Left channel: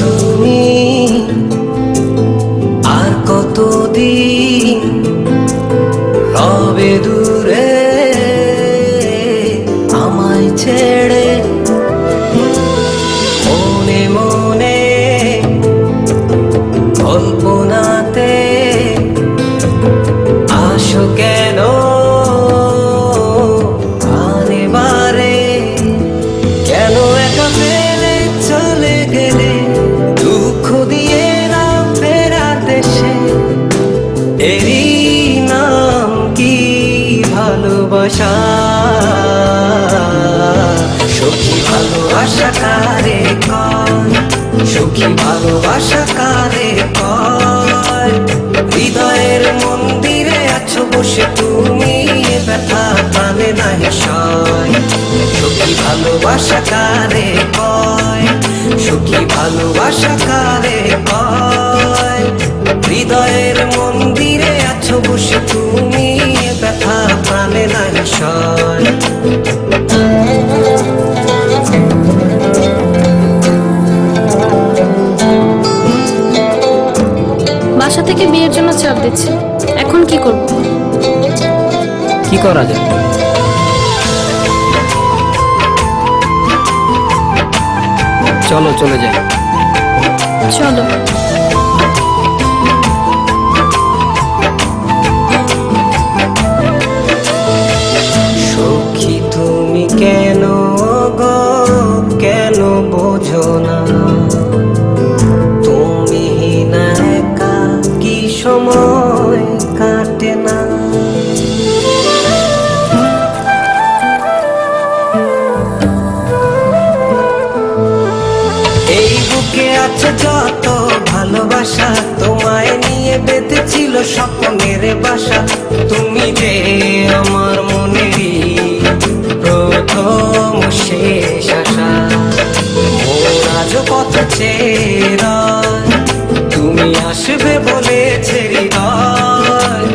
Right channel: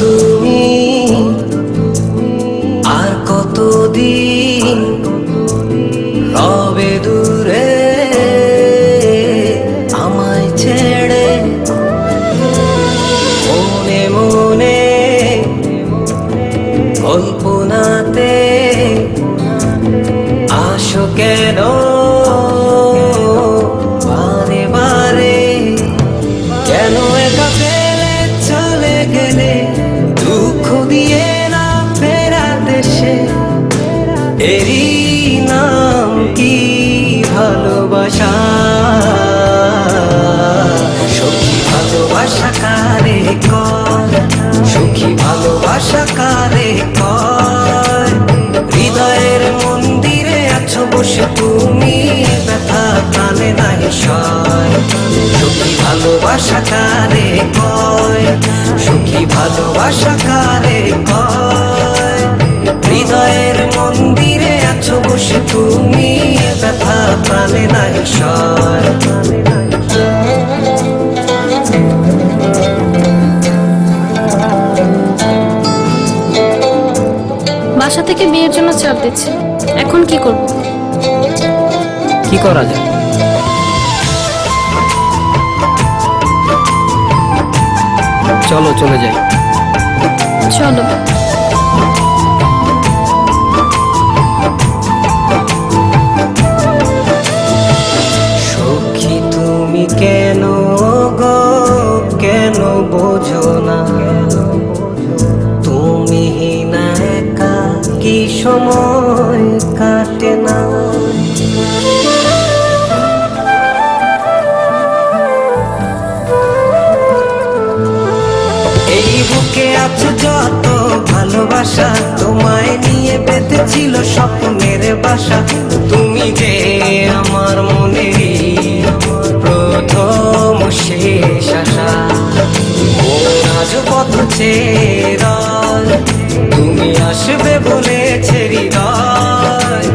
তুমি আর কতদিন রবে দূরে আমায় ছেড়ে, মনে মনে কল্পনাতে আসো কেন বারে বারে, কেন একা ফেলে চলে গেলে দুঃখ দিয়ে না ফেরার দেশে, এরই নাম কি ভালোবাসা? সখী ভালোবাসা কারে কয়, সখী ভালোবাসা কারে কয়? হৃদয়ের মন্দিরে আছো বসে তুমি, ব্যথা প্রাণে নাহি সয়। সখী ভালোবাসা কারে কয়, সখী ভালোবাসা কারে কয়? হৃদয়ের মন্দিরে আছো বসে তুমি, ব্যথা প্রাণে নাহি সয়। বাসা থেকে বিয়ের জন্য চাপ দিচ্ছে, এখন কি করব? কি করা যায়? চলো চলে যাই। চলো। সখী তুমি কেন গো, কেন বোঝো না? তুমি না একা কি সময় কাটে না? এই বুকে আছে যত ভালোবাসা, তোমায় নিয়ে বেঁধেছিল স্বপ্নের বাসা। তুমি যে আমার মনেরই প্রথম শেষ আশা, মন আজও পথ চেয়ে, তুমি আসবে বলেছে হৃদয়।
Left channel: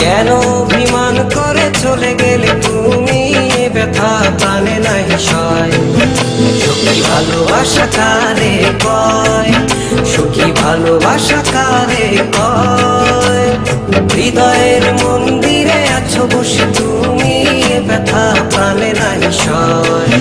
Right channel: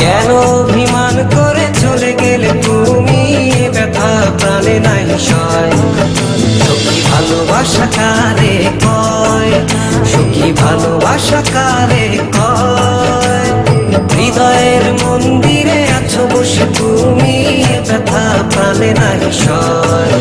কেন অভিমান করে চলে গেলে তুমি, ব্যথা প্রাণে নাহি সয়। সখী ভালোবাসা কারে কয়, সখী ভালোবাসা কারে কয়? হৃদয়ের মন্দিরে আছো বসে তুমি, ব্যথা প্রাণে নাহি সয়।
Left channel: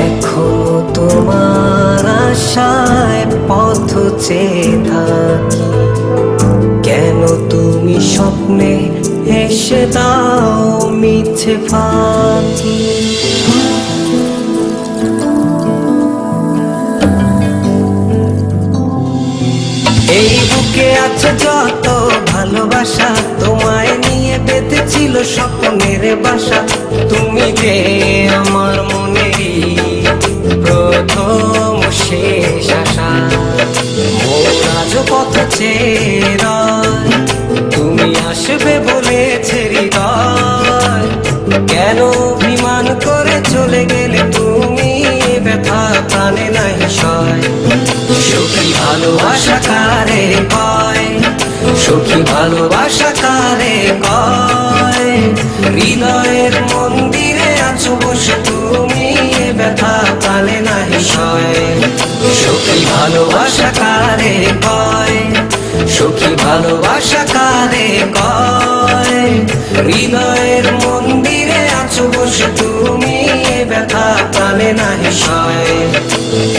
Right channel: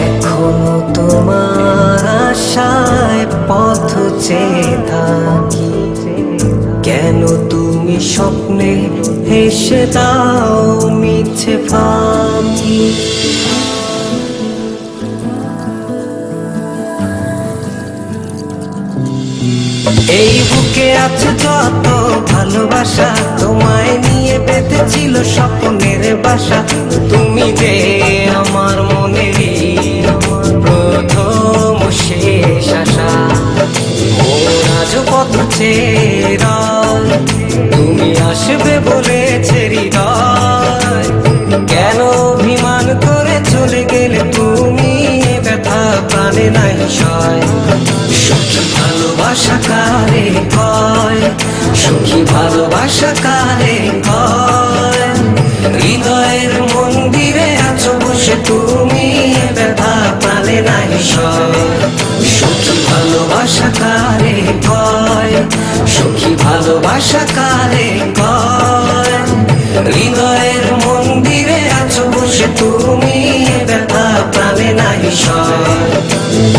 এখনো তোমার আশায় পথ চেয়ে থাকি, কেন তুমি স্বপ্নে হেসে দাও মিছে ফাঁকি? এই বুকে আছে যত ভালোবাসা, তোমায় নিয়ে বেঁধেছিল স্বপ্নের বাসা। তুমি যে আমার মনেরই প্রথম শেষ আশা, মন আজও পথ চেয়ে, তুমি আসবে বলেছে হৃদয়। কেন অভিমান করে চলে গেলে তুমি, ব্যথা প্রাণে নাহি সয়। সখী ভালোবাসা কারে কয়, সখী ভালোবাসা কারে কয়? হৃদয়ের মন্দিরে আছো বসে তুমি, ব্যথা প্রাণে নাহি সয়। সখী ভালোবাসা কারে কয়, সখী ভালোবাসা কারে কয়। হৃদয়ের মন্দিরে আছো বসে তুমি, এ ব্যথা প্রাণে নাহি সয়।